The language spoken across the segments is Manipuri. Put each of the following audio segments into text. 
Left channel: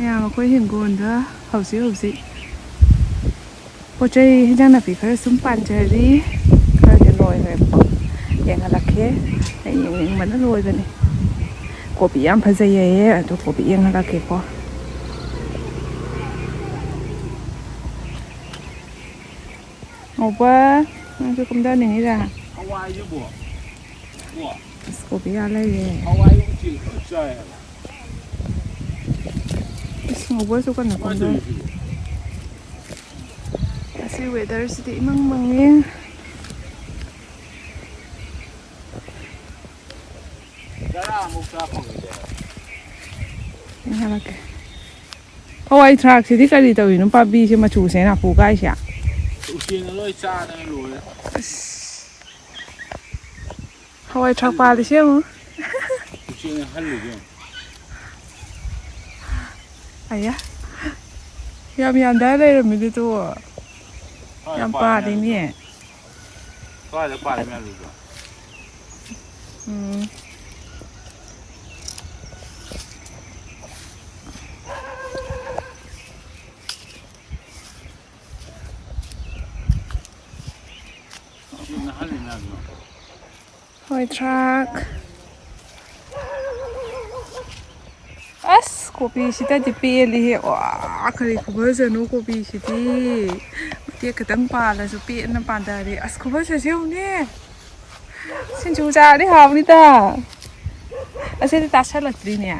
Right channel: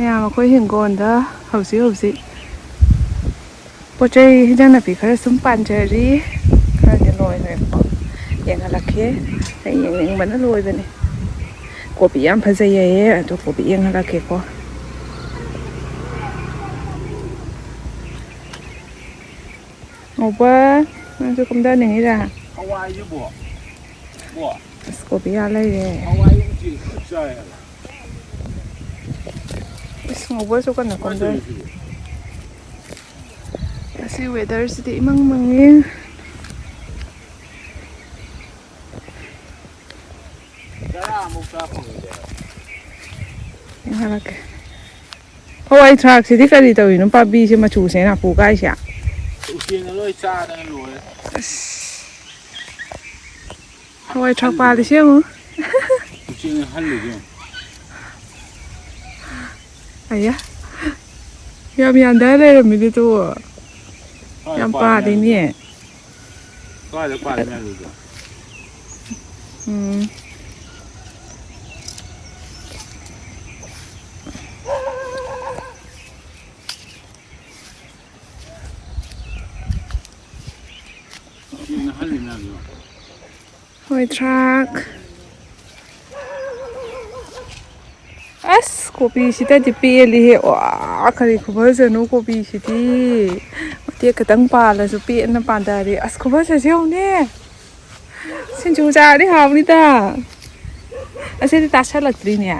ꯃꯌꯥꯝ ꯑꯩꯈꯣꯏ ꯍꯤꯡꯒꯣꯜꯗ ꯍꯧꯖꯤꯛ ꯄꯣꯠ ꯆꯩ ꯍꯦꯟꯖꯥꯡ ꯅꯥꯄꯤ ꯈꯔ ꯁꯨꯝ ꯄꯥꯟꯖꯔꯤ ꯈꯔꯗꯤ ꯂꯣꯏꯈ꯭ꯔꯦꯕꯀꯣ ꯌꯦꯡꯍꯜꯂꯛꯀꯦ ꯑꯩ ꯌꯦꯡꯅꯤꯡꯕꯅ ꯂꯣꯏꯕꯅꯤ ꯀꯣꯕꯤ ꯌꯥꯝ ꯐꯖꯩꯌꯦ ꯑꯗꯨ ꯀꯣꯕꯤ ꯌꯦꯡꯍꯜꯂꯛꯀꯦꯀꯣ ꯉꯧꯕ ꯅꯪꯁꯨ ꯀꯨꯝꯊꯅꯤꯡꯉꯤꯔꯥ ꯍꯋꯥꯏꯁꯤꯕꯣ ꯑꯁ ꯀꯣꯕꯤ ꯌꯥ ꯂꯩꯔꯦ ꯑꯁ ꯉꯧꯕꯁꯨ ꯀꯟꯅ ꯀꯨꯝꯊꯔꯤ ꯑꯁꯤ ꯋꯦꯗꯔꯁꯤꯗꯤ ꯏꯃꯪ ꯃꯪꯉꯤ ꯌꯦꯡꯍꯜꯂꯛꯀꯦ ꯍꯋꯥꯏ ꯊꯔꯥꯛꯁꯤꯗꯤ ꯀꯔꯤ ꯇꯧꯔꯤꯅꯣ ꯄꯥꯝꯕꯤꯁꯦ ꯃꯆꯨꯁꯦ ꯅꯥꯄꯨ ꯀꯥꯏꯁꯦ ꯎꯆꯦꯛꯅ ꯂꯣꯏ ꯆꯥꯗꯅ ꯂꯣꯏꯔꯦ ꯍꯋꯥꯏ ꯊꯔꯥꯛ ꯄꯥꯜꯂꯤꯁꯦ ꯌꯦꯡꯉꯨ ꯎꯆꯦꯛꯅ ꯍꯜꯂꯤꯁꯦ ꯑꯌꯥ ꯌꯥꯝ ꯌꯥꯟꯊ ꯂꯩꯔꯝꯃꯤꯗꯨ ꯌꯥꯝ ꯄꯥꯜꯂꯤꯅꯦ ꯀꯥꯏꯗ ꯄꯥꯜꯂꯤ ꯃꯌꯥꯝꯗꯨꯗꯣ ꯎꯆꯦꯛꯅ ꯍꯜꯂꯤ ꯃꯌꯥꯝꯗꯣ ꯍꯋꯥꯏ ꯊꯔꯥꯛ ꯑꯁ ꯀꯣꯕꯤꯁꯤꯗꯗꯤ ꯄꯦꯜꯂꯤꯍꯦ ꯋꯥ ꯀꯔꯤ ꯈꯨꯐꯖꯅꯣ ꯀꯣꯕꯤꯁꯤꯗꯤ ꯃꯇꯦꯛ ꯈꯤꯇꯪ ꯄꯥꯜꯂꯁꯨ ꯄꯦꯟꯅ ꯄꯥꯟꯊꯔꯦ ꯑꯁ ꯈꯨꯐꯖꯁꯦ ꯌꯦꯡꯉꯨꯅꯦ ꯁꯤꯡꯖꯨ ꯆꯥꯔꯗꯤ ꯍꯥꯎꯅꯤꯗ ꯑꯁꯤꯗꯤ ꯇꯥꯁꯜꯂꯛꯇ꯭ꯔꯤꯅꯦ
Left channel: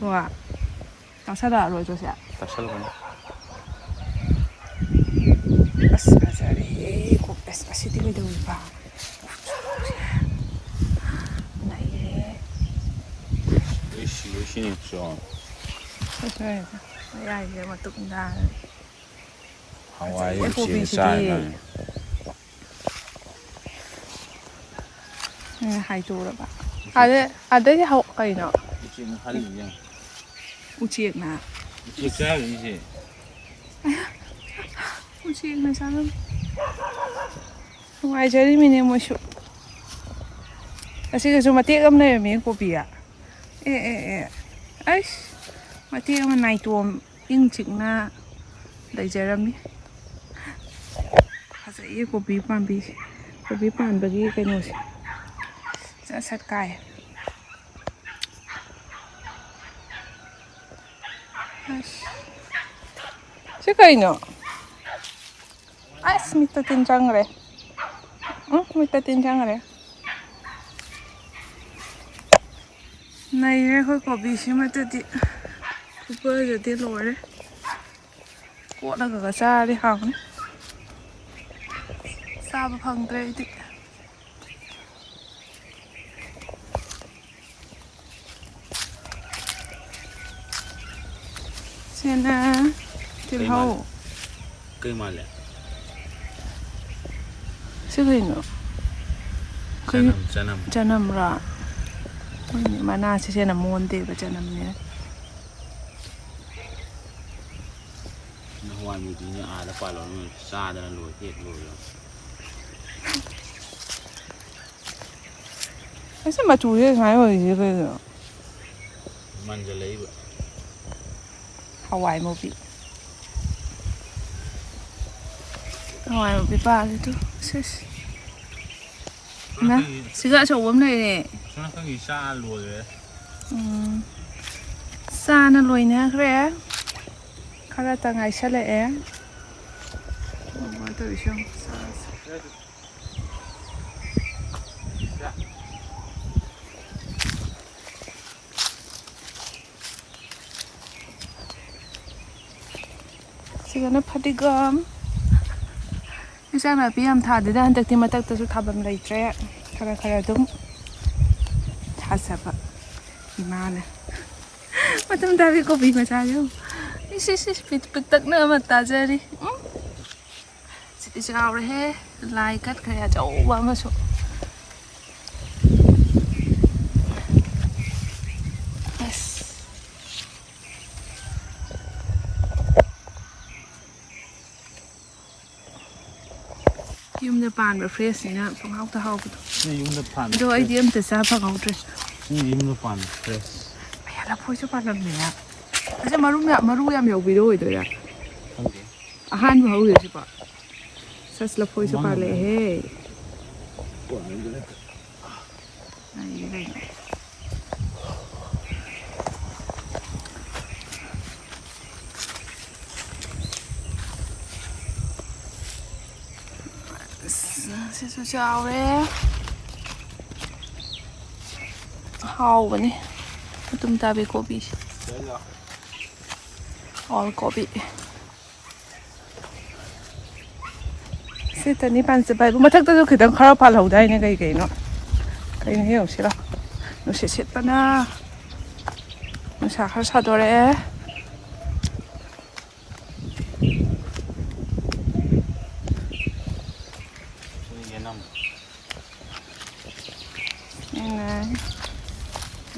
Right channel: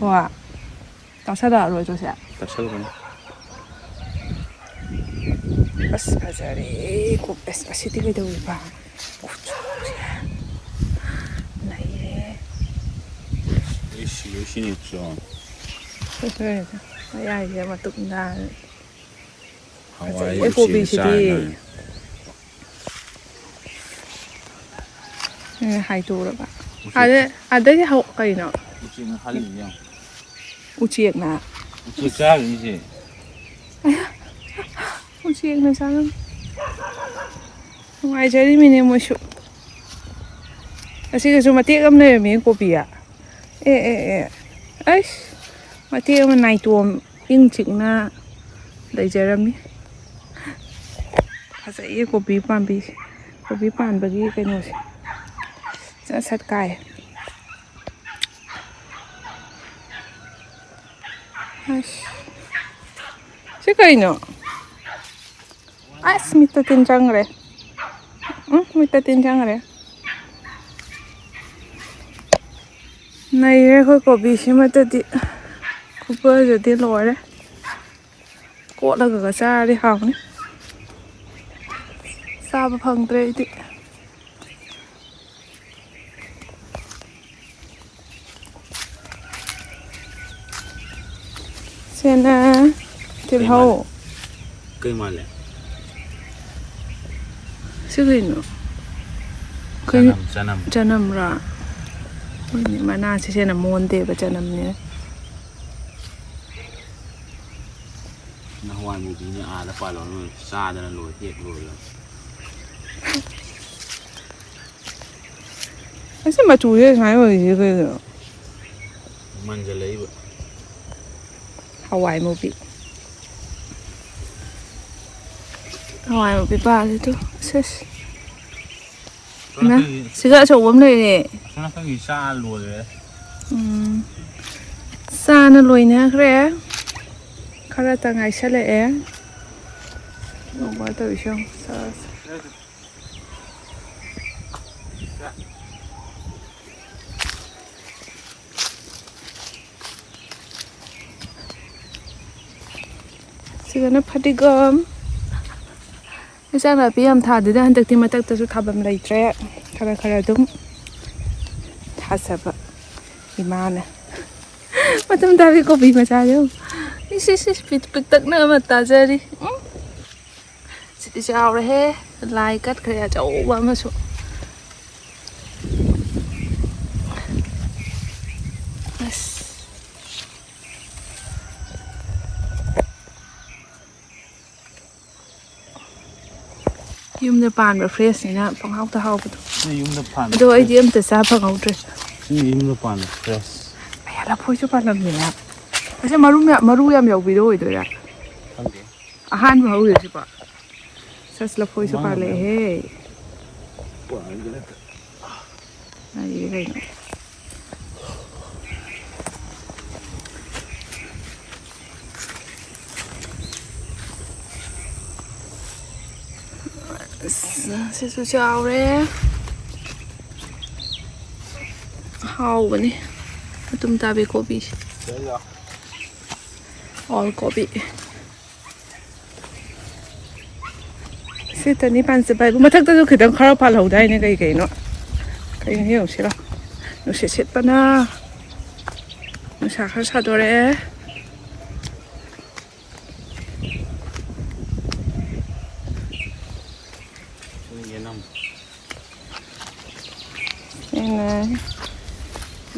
ꯍꯣꯏ ꯇꯥꯁꯜꯂꯛꯑꯔꯣꯏꯗ꯭ꯔꯣ ꯁꯦ ꯇꯥꯁꯜꯂꯛꯀꯅꯤ ꯑꯁ ꯐꯖꯔꯦ ꯑꯁ ꯑꯁꯤꯗꯤ ꯀꯩꯗꯧꯔꯤꯕ ꯈꯨꯆꯥꯎꯁꯦ ꯅꯩꯔꯦ ꯃꯌꯥꯏꯁꯦ ꯃꯇꯨꯝ ꯇꯥꯔꯦ ꯍꯋꯥꯏ ꯐꯖꯩꯌꯦ ꯎꯆꯦꯛꯅ ꯀꯣꯕꯤꯁꯤꯗꯤ ꯆꯥꯔ ꯃꯥꯜꯂꯦ ꯍꯥꯏꯗꯣꯛꯎꯔꯕ ꯑꯗꯩ ꯀꯩꯅꯣ ꯎꯆꯦꯛꯅ ꯍꯜꯂꯤꯅꯦ ꯎꯆꯦꯛꯅ ꯎꯆꯦꯛ ꯆꯥꯔꯤꯅꯤꯁꯦ ꯎꯆꯦꯛꯅ ꯆꯥꯔꯝꯃꯤ ꯅꯨꯡꯉꯥꯏꯖꯔꯤꯃꯤꯅꯦ ꯃꯣꯏꯁꯨ ꯑꯁꯤꯒꯁꯨ ꯃꯇꯦꯛ ꯑꯃ ꯂꯩꯔꯝꯃꯤ ꯀꯣꯕꯤ ꯑꯩꯁ ꯃꯇꯦꯛ ꯑꯃ ꯅꯥꯏꯇꯣꯝ ꯏꯪ ꯆꯤꯛꯅ ꯂꯩꯖꯔꯝꯃꯤ ꯐꯖꯩꯌꯦ ꯀꯣꯕꯤ ꯄꯥꯝꯕꯤꯁꯦ ꯀꯣꯕꯤ ꯄꯥꯟꯕꯒꯤ ꯀꯩꯅꯣꯁꯦ ꯁꯠ ꯁꯠ ꯀꯥꯏ ꯑꯁ ꯁꯤ ꯀꯩꯅꯣ ꯑꯁ ꯃꯤꯠꯇ ꯇꯤꯟ ꯆꯪꯈ꯭ꯔꯦ ꯃꯤꯠꯇ ꯇꯤꯟ ꯆꯪꯈ꯭ꯔꯦ ꯅꯩꯔꯦ ꯑꯩꯈꯣꯏ ꯀꯣꯕꯤꯁꯤꯃꯇꯗꯤ ꯈꯨꯐꯖꯗꯤ ꯂꯣꯏꯔꯦ ꯀꯣꯠꯂꯒ ꯆꯥꯔꯗꯤ ꯍꯥꯎꯅꯤ ꯆꯥꯕ ꯐꯪꯗ꯭ꯔꯦ ꯑꯩꯗꯤ ꯁꯤꯅ ꯇꯤꯜꯍꯧ ꯀꯩ ꯃꯥꯜꯂꯦ ꯁꯤ ꯀꯩꯅꯣ ꯆꯅꯝ ꯆꯅꯝꯔꯥ ꯍꯣꯏꯅꯦ ꯃꯅꯥꯁꯤ ꯍꯦꯟꯅ ꯃꯣꯟꯗꯦꯕ ꯆꯅꯝꯅꯤꯅ ꯅꯍꯥꯟꯋꯥꯏꯒꯤꯗꯨꯅꯤ ꯑꯥꯗ ꯄꯥꯜꯂꯣ ꯅꯣꯏ ꯆꯥꯗꯅ ꯂꯣꯏ ꯍꯦꯛ ꯂꯣꯏꯔꯦ ꯑꯁꯤ ꯃꯆꯨꯁꯦ ꯁꯨꯃꯥꯏꯅ ꯑꯣꯏꯔꯤꯁꯦ ꯀꯩꯅꯣ ꯃꯟꯖꯜꯂꯛꯏꯕ ꯍꯋꯥꯏ ꯃꯨꯕꯤ ꯍꯋꯥꯏ ꯃꯨꯕꯤ ꯄꯥꯜꯂꯤꯗꯣ ꯁꯤꯒ ꯑꯆꯧꯕ ꯑꯃ ꯂꯩꯔꯦ ꯁꯣꯝꯅꯥꯀꯟꯒꯤ ꯆꯥ ꯂꯣꯏꯔꯦ ꯆꯥꯅ ꯂꯣꯏꯅꯈ꯭ꯔꯦ ꯈꯔꯇ ꯉꯥꯏꯁꯜꯂꯛꯑꯦ ꯇꯧꯔꯤꯁꯦ ꯁꯤꯒꯅ ꯐꯗꯤꯒꯣꯝ ꯏꯟꯖꯥꯡ ꯅꯥꯄꯤ ꯌꯥꯝ ꯊꯥꯗꯦꯗ ꯍꯟꯗꯛꯇꯤ ꯃꯊꯛꯇꯁꯨ ꯊꯥꯐꯝ ꯂꯩꯇ꯭ꯔꯦ ꯈꯔ ꯑꯗꯨꯝ ꯊꯥꯖꯕ ꯏꯃꯥꯅ ꯃꯇꯨꯝ ꯇꯥꯕꯤ ꯀꯣꯕꯤ ꯃꯆꯥꯁꯦ ꯏꯁ ꯄꯤꯛꯇꯛꯅ ꯑꯃ ꯇꯥꯖꯔꯤ ꯁꯤꯗꯤ ꯆꯥꯎꯔꯦꯍꯦ ꯂꯥꯏ ꯀꯠꯈ꯭ꯔꯦ ꯑꯆꯧꯕ ꯑꯃꯁꯨ ꯑꯁ ꯌꯨꯝꯗ ꯄꯥꯟꯕ ꯐ꯭ꯔꯦꯁꯅꯤꯅ ꯄꯪꯍꯥꯎꯇ ꯍꯥꯎꯕꯗꯣ ꯌꯨꯝꯗ ꯄꯥꯟꯕ ꯑꯗꯣ ꯑꯩꯗꯤ ꯑꯝꯇ ꯆꯥ ꯐꯪꯍꯧꯗ꯭ꯔꯦ ꯌꯨꯝꯗ ꯄꯥꯟꯕ ꯐ꯭ꯔꯦꯁ ꯑꯌꯥ ꯂꯐꯣꯏꯁꯨ ꯄꯥꯜꯂꯝꯃꯤꯅ ꯑꯁꯦ ꯃꯔꯨ ꯌꯥꯝ ꯌꯥꯎꯕꯤꯗꯣ ꯑꯣꯏꯗꯣꯏꯔꯥ ꯈꯪꯗꯦ ꯑꯍꯥꯟꯕ ꯍꯧꯔꯤꯁꯤꯕꯣ ꯁꯁ ꯂꯐꯣꯏꯁꯨ ꯄꯥꯜꯂꯛꯑꯦꯍꯦ ꯑꯩ ꯀꯩꯅꯣ ꯁꯤꯁꯨ ꯆꯥꯎꯔꯦ ꯍꯥꯎꯕꯅꯤ ꯑꯗꯨꯝ ꯇꯥꯕꯤ ꯀꯣꯕꯤꯁꯦ ꯑꯣꯜ ꯀꯣꯕꯤ ꯁꯤꯇꯅꯤ ꯄꯥꯟꯖꯕ ꯍꯥꯏꯕꯨ ꯃꯊꯛꯇꯁꯨ ꯈꯤꯇꯪ ꯈꯔ ꯄꯥꯜꯍꯧꯗꯥꯏꯅꯦ ꯀꯩꯅꯣ ꯌꯦꯡꯁꯤꯔꯣ ꯅꯨꯡꯁꯤꯠ ꯁꯤꯠꯄꯅ ꯅꯨꯡꯁꯥ ꯈꯔ ꯁꯥꯗꯣꯔꯛꯑꯦ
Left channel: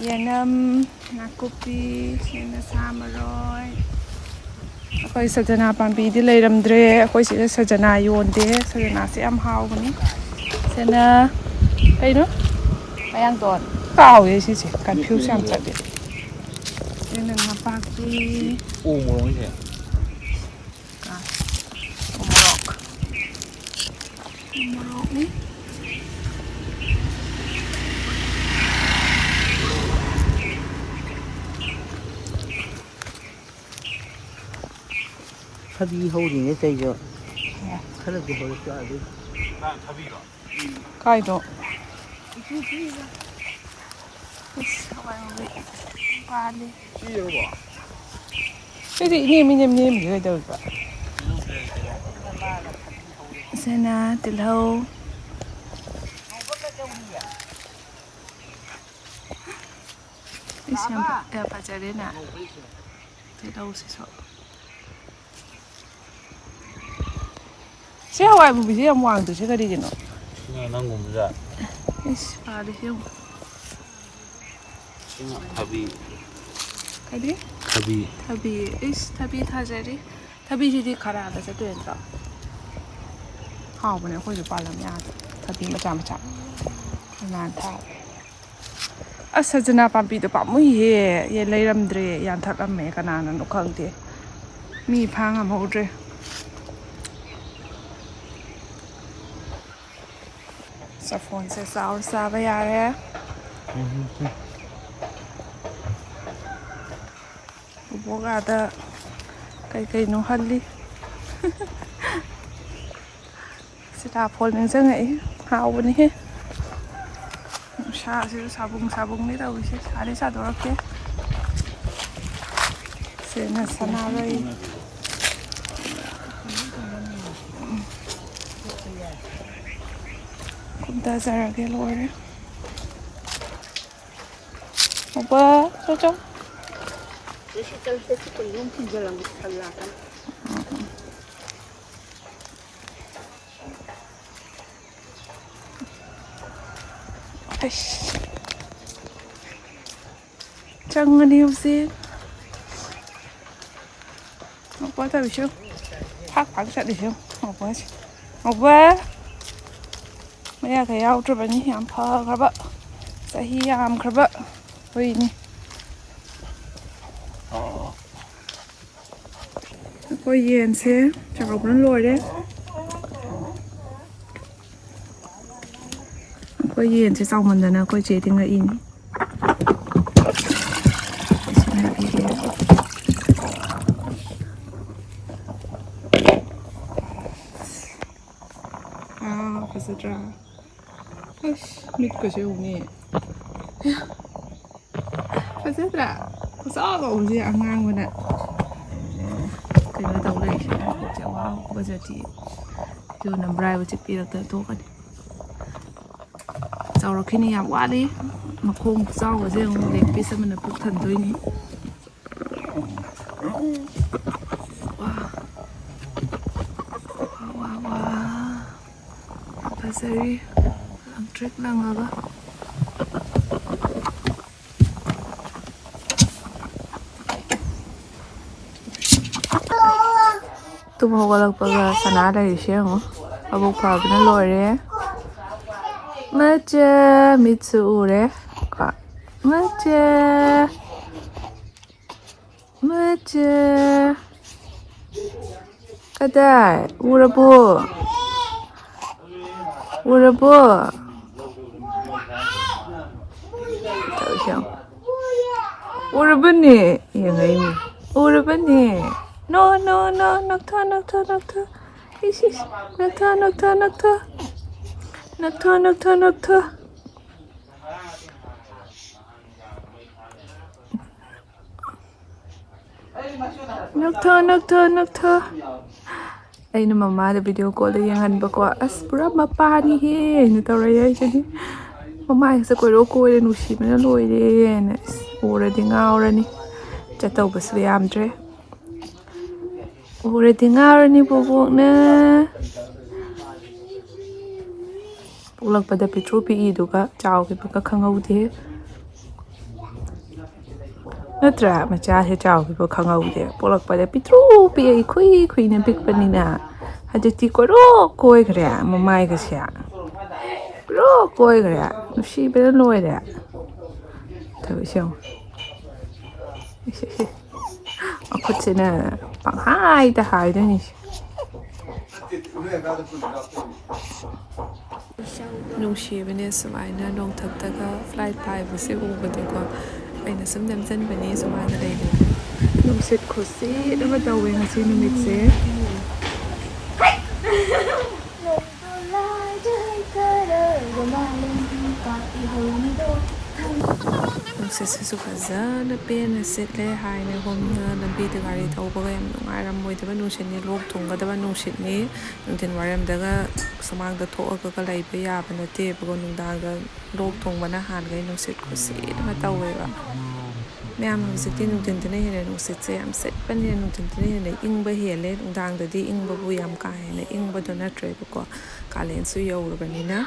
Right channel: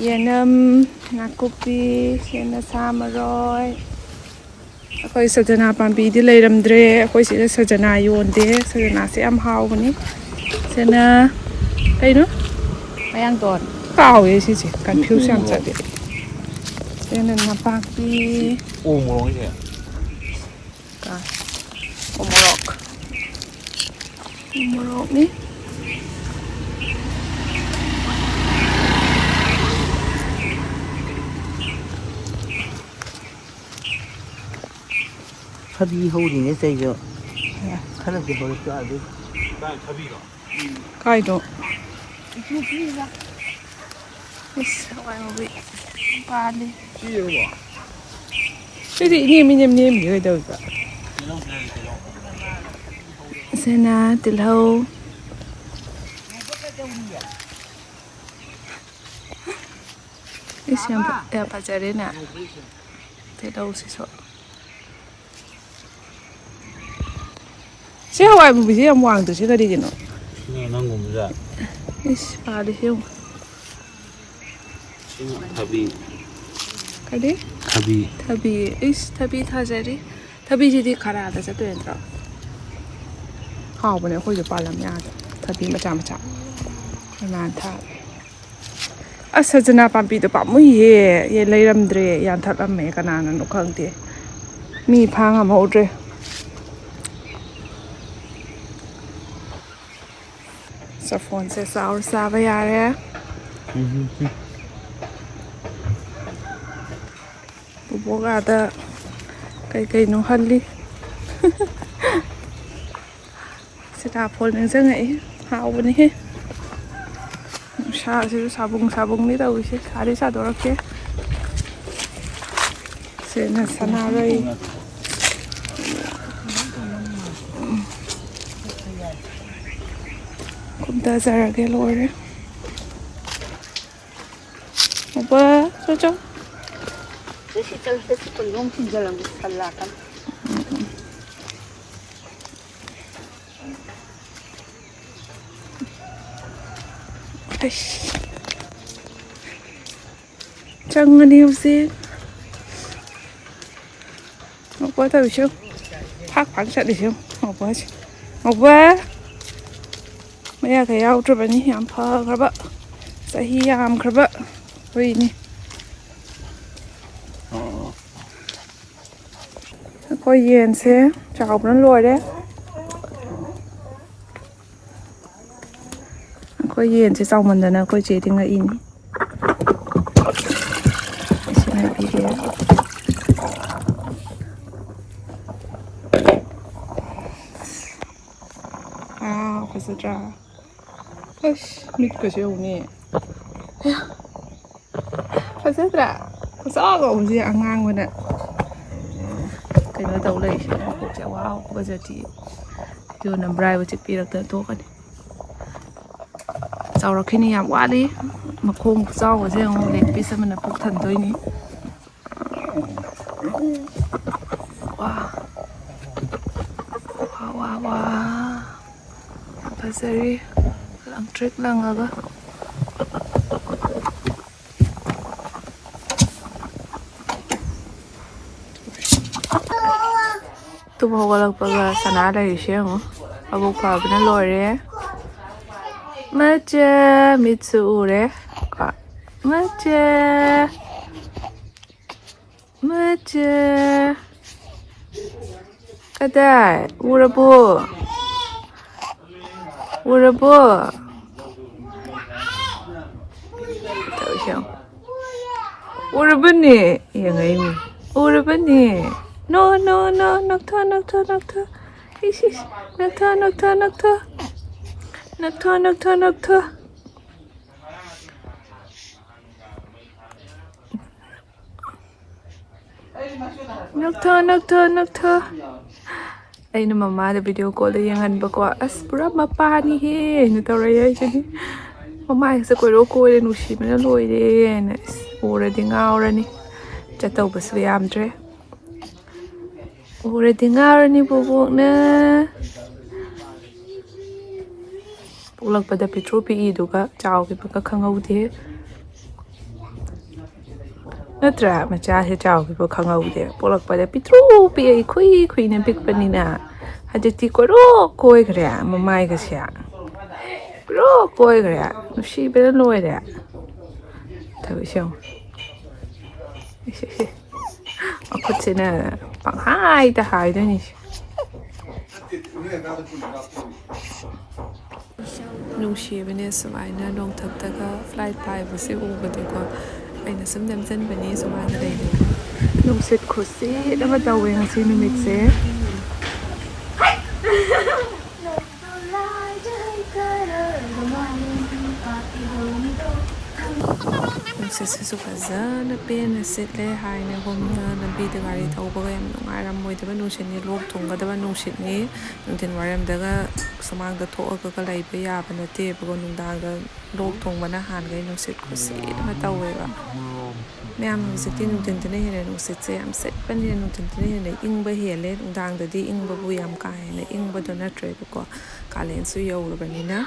ꯌꯦꯅꯝ ꯅꯥꯀꯨꯞꯄꯤ ꯁꯤꯅ ꯁꯥ ꯃꯔꯣꯏ ꯑꯩꯈꯣꯏ ꯁꯖꯅꯥ ꯄꯥꯝꯕꯤꯗꯤ ꯂꯩꯔꯝꯗ꯭ꯔꯦ ꯑꯩꯈꯣꯏ ꯁꯤꯗ ꯁꯖꯅꯥ ꯌꯣꯟꯗꯦ ꯁꯖꯅꯥꯁꯦ ꯌꯥꯝ ꯍꯥꯎꯕꯅꯤ ꯁꯤꯅ ꯀꯩꯅꯣ ꯃꯌꯥꯡꯇꯣꯟ ꯀꯥꯎꯋꯦ ꯁꯤꯁꯦ ꯀꯟꯐ꯭ꯌꯨꯁ ꯌꯥꯝ ꯆꯠꯂꯦ ꯁꯤꯅ ꯅꯄꯥꯛꯄꯤ ꯎꯃꯣꯔꯣꯛꯅꯤ ꯊꯕꯤ ꯍꯧꯔꯤꯅꯦ ꯆꯩꯁꯨ ꯈꯔꯁꯨ ꯃꯔꯛꯇ ꯑꯗꯩ ꯊꯕꯤꯔꯣ ꯀꯥꯏꯗꯣ ꯏꯁ ꯍꯋꯥꯏ ꯃꯨꯕꯤ ꯄꯥꯜꯂꯤ ꯁꯤꯗꯤ ꯏꯅꯦꯝ ꯀꯩꯗꯧꯔꯤꯕ ꯁꯤꯅ ꯇꯤꯜꯍꯧ ꯏꯁ ꯌꯥꯝ ꯐꯖꯔꯦꯅ ꯇꯤꯜꯍꯧꯁꯤꯁꯨ ꯁꯤ ꯍꯋꯥꯏ ꯃꯨꯕꯤꯁꯦ ꯌꯥꯝ ꯋꯥꯡꯗ꯭ꯔꯤꯁꯦ ꯀꯔꯤꯒꯤꯅꯣ ꯅꯪꯒꯨꯝꯕꯖꯥ ꯏꯁ ꯄꯥꯜꯂꯤꯁꯦ ꯌꯦꯡꯉꯨ ꯊꯕꯤ ꯀꯔꯤ ꯊꯕꯤ ꯏꯁ ꯊꯕꯤ ꯊꯥꯖꯔꯤ ꯊꯕꯤꯁꯤꯗꯤ ꯈꯔꯥꯗ ꯆꯠꯇꯣꯏ ꯅꯠꯇ꯭ꯔꯣ ꯍꯥꯎꯕꯅꯦ ꯑꯩꯈꯣꯏꯁꯨ ꯄꯥꯜꯂꯝ ꯌꯥꯗ ꯊꯕꯤ ꯃꯆꯥ ꯏꯃꯥꯟ ꯊꯥꯔꯦ ꯑꯁ ꯁꯖꯅꯥ ꯄꯥꯝꯕꯤꯗꯣ ꯄꯥꯝꯃꯨꯏꯍꯦ ꯂꯩꯔꯝꯗ꯭ꯔꯦ ꯌꯥꯟꯊꯠꯂꯝꯃꯦ ꯀꯅꯥꯅꯅꯣ ꯈꯪꯗꯦ ꯃꯤ ꯐꯥ ꯉꯝꯍꯧꯗ꯭ꯔꯦ ꯆꯐꯣꯟꯁꯦ ꯆꯥꯎꯔ ꯆꯥꯕ ꯌꯥꯔꯦ ꯕꯨꯕꯣꯛ ꯑꯥꯗ ꯀꯩꯀꯩꯅꯣ ꯍꯜꯂꯤ ꯁꯤꯇꯥꯐꯣꯜ ꯅꯤꯡꯁꯤꯡꯉꯛꯏ ꯍꯥꯎꯕꯅꯤꯍꯦ ꯅꯨꯡꯁꯥꯁꯤꯁꯨ ꯁꯥꯕꯨꯡꯅꯤ ꯇꯧꯔꯤꯁꯦ ꯁꯥꯗꯤ ꯁꯥꯗꯣꯔꯛꯇꯦ ꯁꯤꯅ ꯁꯅꯥꯔꯩ ꯀꯨꯝꯊꯖꯔꯒꯦ ꯂꯣꯏꯔꯦ ꯆꯣ ꯆꯪꯉꯅꯤ ꯍꯧꯖꯤꯛ ꯉꯧꯕ ꯇꯧꯔꯤꯁꯨ ꯐꯥꯛ ꯆꯠꯂꯤꯁꯨ ꯉꯧꯕꯁꯦ ꯉꯧꯕ ꯃꯌꯥꯒ ꯌꯥꯎꯗ꯭ꯔꯕꯅꯤ ꯌꯥꯝ ꯐꯈ꯭ꯔꯕ ꯆꯍꯤ ꯌꯥꯝꯈ꯭ꯔꯕ ꯍꯨꯏꯅꯤ ꯑꯩꯈꯣꯏ ꯌꯦꯟꯁꯦ ꯆꯥꯎꯕꯅ ꯂꯣꯏꯔꯦ ꯑꯩꯈꯣই ꯌꯦꯟꯁꯦ ꯆꯥꯎꯃꯟꯗꯅ ꯑꯩꯈꯣꯏ ꯆꯦꯗꯤ ꯉꯛꯏꯅꯤ ꯐꯖꯗ꯭ꯔꯥ ꯑꯁ ꯃꯤꯠꯀꯁꯦ ꯌꯦꯡꯉꯨꯅꯦ ꯐꯖꯗ꯭ꯔꯥ ꯈꯨꯆꯥꯎꯁꯦ ꯑꯉꯥꯡꯕꯅ ꯀꯩꯅꯣ ꯇꯧ ꯂꯩꯔꯤꯁꯦ ꯃꯀꯣꯛꯁꯦ ꯋꯥꯎ ꯐꯖꯗꯤ ꯌꯣꯟꯅ ꯕ꯭ꯔꯥꯏꯕ ꯆꯤꯠꯄꯤꯔꯛꯇꯅ ꯇꯣꯛꯀꯅꯤ ꯆꯥꯎꯔꯛꯈꯤꯅꯤ ꯌꯥꯝ ꯋꯥꯠꯂꯤ ꯃꯈꯣꯡ ꯈꯨꯆꯥꯎꯕꯁꯦ ꯑꯃꯨꯛ ꯂꯦꯛ ꯄꯤꯁ ꯑꯃꯅ ꯄꯨꯛ ꯊꯟꯗꯣꯏꯅꯤ ꯋꯥ ꯌꯥꯝ ꯐꯖꯔꯤ ꯂꯪꯇ꯭ꯔꯤꯛ ꯂꯪꯉꯒ ꯇꯨꯝ ꯍꯧꯒꯠꯂꯛꯄꯒ ꯁꯅꯥ ꯂꯩꯔꯤꯁꯦ ꯌꯦꯡꯉꯨ ꯃꯕꯨꯛ ꯆꯥꯎꯕꯅ ꯂꯣꯏꯔꯦ ꯃꯆꯥ ꯃꯤꯠꯁꯨ ꯎꯔꯦ ꯃꯆꯥ 맞아. 가다. 울어보. 울어보. 울어보니. 이거 울어보니. No, no, no, nakta, nakta, nakta. Isis, nakta, nakta, nakta. Nakta, nakta, nakta. Nakta, nakta, nakta. Ay na mama, na video call yung hanba ko. As pura mapani he. Nataray ay siya. Mama, sa ko ko rin usi na loy din. Ura din ngaura ni. Chataw bas riyam dre. Ura din ngaura ni bubuk na. Ulag pada petro pi ido ka. Chow ki pa kangaw di. Natra macha he chow ki pa kangaw di. Ulag pada petro pi ay kui na pik pa ni na. Haditi ko ro koi kare mamay ka siya. Ro koi kare. Nusi bela noy da. Tabi siya. Ako sina panghay ta hay na ni. Nungshibane sumaina nong thaktaga flight paibase ubadeko aina sum namjanbane sumaina leine nungsit khosi dama tawe ngasi numitse nungsit fazana pena setle haina homna lambi de gari thaubaga yam nungairam moidaba nungshini lok thunggadaba nungshitni nungtin waramdaga samangda thoaga laiba yaba nate bago nungdangda lok thongbana hangai nungsit khosi dama taweba ma'am हौजिक्ति नुंथिनदना हेने नुंसितसे याम सेटपनि नुंथिनदना हेने इंगबा हेले नुंदांगददि इंगबाबु याम का हेने इंगबदो नट्रेबको कालेनसु यौरबनिना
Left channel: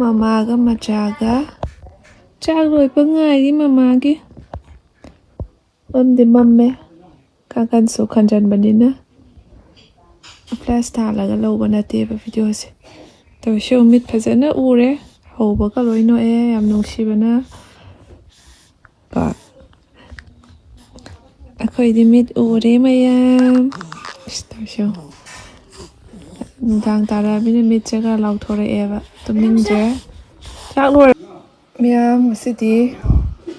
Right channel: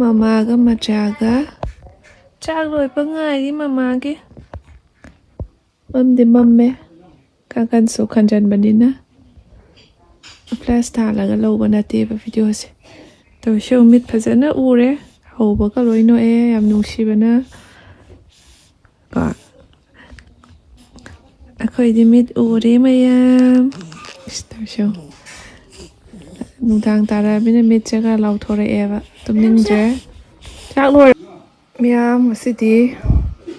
ममागा मचागा चाग लोइबा ngairi mamagi mamdi mamme kakansu khanjanbanina flash thalaga lawba nateba video se to show mit phajana ure hauba ka loino e yam nungsibana ka akhoidi mit ure mayam show nungtang tara bina mit jaga lauthore eva tumningje chak loi miyam ngasidi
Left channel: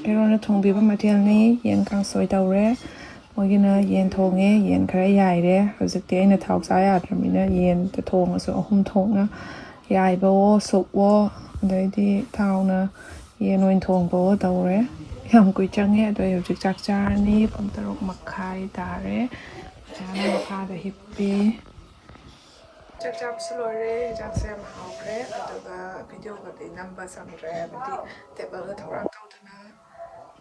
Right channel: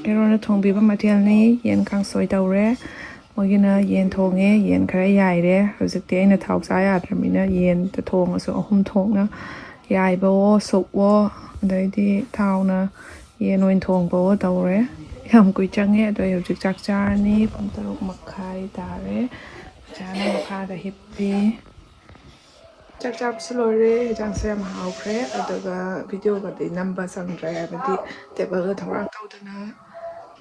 erona thongbiba material ni yen kangsoi tawre moigina yen thonge yen khara yaire hojikti aina thau sa yadramina yen ta thongasu ahum thongna yaibo sokwo adaidi thauna yen oin thongbo tawre yam kui change adoi hojik chak charni pung tarok makhai tare jana makha da hippi chak chap slore jang sem haukre aduga video ga de number sangre abadi table ga thorang tawdana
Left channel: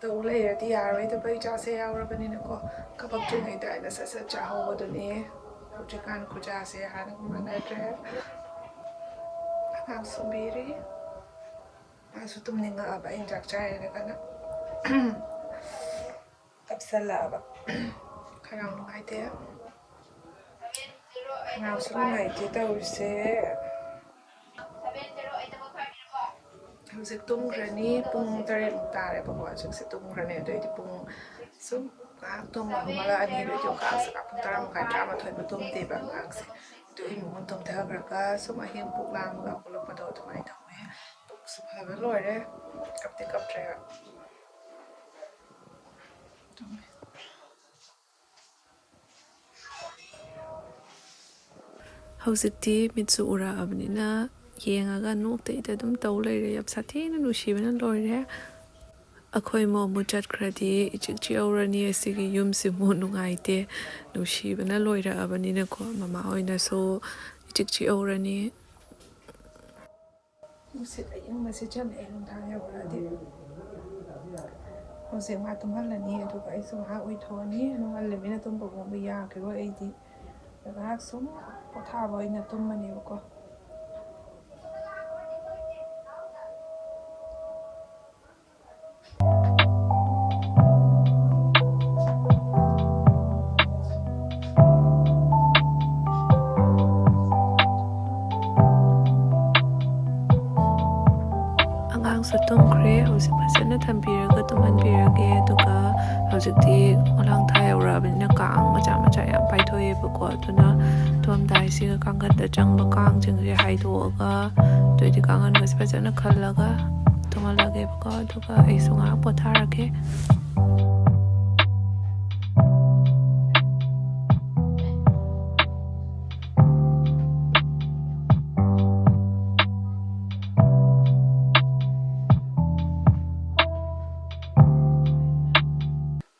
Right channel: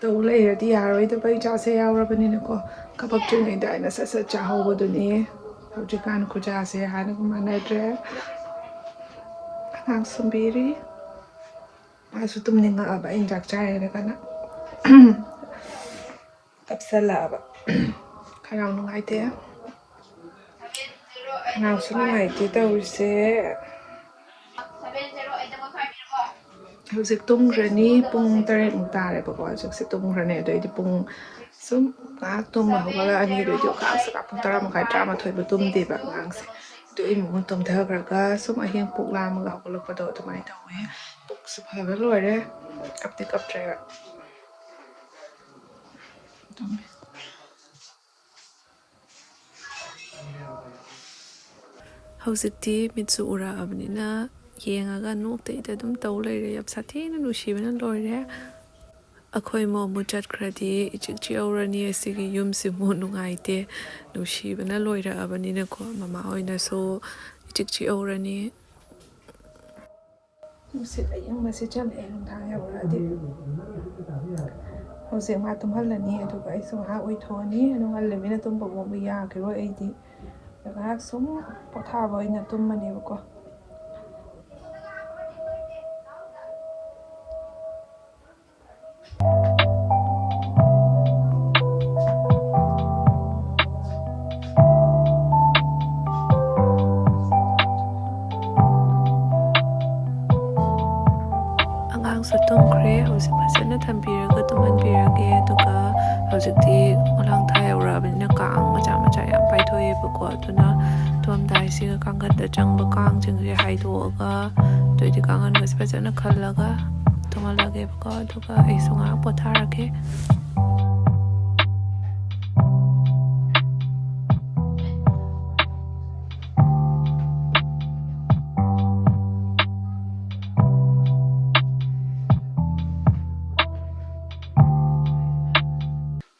tawle di yaroi da bai cha se yaurabani na ko kabak tringai da na sa cha hawboduni hojikan khuja se hana ko manadre ang sumbiri asu tumninga aba injak chai na kana kapsala aba kayang nungaite nào số này thì tao sẽ hữu dịch tung rồi ní bung tare mung ta lại bảo gọi sẽ tung rồi này đấy thì bung sớm cá tung mà không là anh đi đấy chỗ cá sẽ gặp bung tare một cái trà mà thôi bị tung thì bạn ngang sẽ đấy muốn tung theo cái sớm ở hiện bung làm gặp cái lúc bắt đầu tụi mày tao ấy bung sụp hơi cái rồi đấy cặp thì cặp trái hꯧꯖꯤꯛꯇꯤ ꯃꯤꯠꯁꯨ ꯎꯔꯛꯑꯕꯅꯤꯅ ꯌꯦꯡꯉꯒ ꯅꯣꯛꯇꯩꯗ ꯑꯗꯨꯝ ꯇꯧ ꯂꯩꯔꯦ ꯌꯥꯝ ꯁꯥꯊꯤꯅ ꯅꯨꯡꯁꯤꯕꯅ ꯂꯣꯏꯔꯦ ꯑꯩꯈꯣꯏ ꯃꯣꯃꯨ ꯆꯠꯈ꯭ꯔꯗꯤ ꯏꯆꯤꯛ ꯆꯤꯛꯍꯧꯔꯅꯤ ꯑꯁꯤꯒꯤ ꯌꯨꯝꯁꯤꯕꯨ ꯅꯨꯡꯉꯥꯏꯇꯦ ꯅꯨꯡꯁꯤꯕꯅ ꯂꯣꯏꯔꯛꯑꯕꯅꯤꯅꯀꯣ ꯃꯃꯥ ꯍꯣꯏꯅꯁꯨ ꯏꯆꯤꯛ ꯆꯤꯛꯍꯧꯔꯅꯤ ꯅꯨꯡꯁꯤꯠ ꯑꯌꯤꯡꯕꯁꯤ ꯆꯠꯂꯛꯑꯦ ꯅꯨꯡꯗꯥꯡ ꯌꯧꯔꯛꯑꯗꯤ ꯍꯧꯖꯤꯛ ꯃꯥ ꯇꯨꯝꯍꯜꯂꯅꯤ ꯑꯗꯨꯒ ꯑꯩꯁꯨ ꯉꯥꯏꯍꯥꯛ ꯑꯣꯏꯊꯣꯛꯑꯅꯤ ꯑꯗꯨ ꯉꯜꯂꯃꯤꯅ ꯇꯨꯝꯕ ꯈꯣꯠꯄ ꯌꯥꯈꯤꯔꯣꯏ ꯑꯩꯗꯤꯉꯥꯏꯍꯥꯛ ꯁꯨꯝ ꯄꯣꯊꯥꯕ ꯑꯣꯏꯅ ꯇꯨꯝꯃꯅꯦꯕꯀꯣ ꯑꯉꯥꯡꯁꯨ ꯇꯨꯝꯈ꯭ꯔꯦ ꯍꯧꯖꯤꯛ ꯐꯖꯅ ꯊꯝꯕꯤꯔꯒ ꯇꯨꯝꯍꯟꯕꯤꯔꯒꯦ ꯑꯗꯨ ꯍꯧꯖꯤꯛꯇꯤ ꯈꯣꯂꯥꯡ ꯊꯥ ꯌꯧꯔꯛꯑꯕꯅꯤꯅ ꯀꯥꯡ ꯃꯆꯥ ꯃꯆꯥ ꯌꯥꯝ ꯄꯥꯏꯊꯣꯛꯑꯦꯕꯀꯣ ꯑꯗꯨꯅ ꯇꯨꯝꯃꯝꯗꯥꯏꯁꯤꯒ ꯀꯥꯡꯈꯟꯗ ꯆꯪꯕ ꯀꯥꯡꯁꯤꯡꯁꯦ ꯍꯥꯏꯗꯣꯛꯑꯒ ꯑꯗꯨꯏꯗꯤ ꯀꯥꯡꯈꯟꯒꯁꯦ ꯐꯖꯅ ꯈꯜꯂꯒ ꯇꯨꯝꯍꯜꯂꯒꯦꯕꯀꯣ ꯑꯗꯨꯒ ꯑꯩꯁꯨ ꯉꯥꯏꯍꯥꯛ ꯄꯣꯊꯥꯔꯒꯦ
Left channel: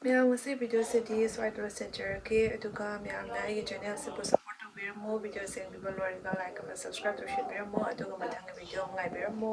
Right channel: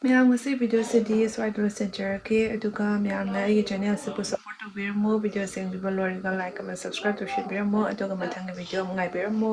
ꯃꯌꯥꯝ ꯉꯁꯤ ꯚꯤꯗꯤꯑꯣꯁꯤꯗꯤ ꯁ꯭ꯋꯥꯏꯗ ꯂꯣꯏꯁꯤꯟꯖꯔꯒꯦ ꯑꯗꯨꯒ ꯃꯌꯥꯝꯅ ꯑꯩꯒꯤ ꯆꯦꯅꯦꯜꯁꯤꯕꯨ ꯁꯞꯄꯣꯔꯠ ꯇꯧꯕꯤꯔꯝꯃꯣ ꯚꯤꯗꯤꯑꯣ ꯌꯦꯡꯕꯤꯕ ꯂꯣꯏꯔꯒ ꯂꯥꯏꯛ ꯑꯃ ꯁꯕꯁꯀ꯭ꯔꯥꯏꯕ ꯇꯧꯁꯤꯟꯕꯤꯔꯝꯃꯣ ꯑꯗꯨꯒ ꯃꯊꯪꯒꯤ ꯚꯤꯗꯤꯑꯣ ꯑꯃꯨꯛ ꯉꯥꯏꯕꯤꯔꯝꯃꯣ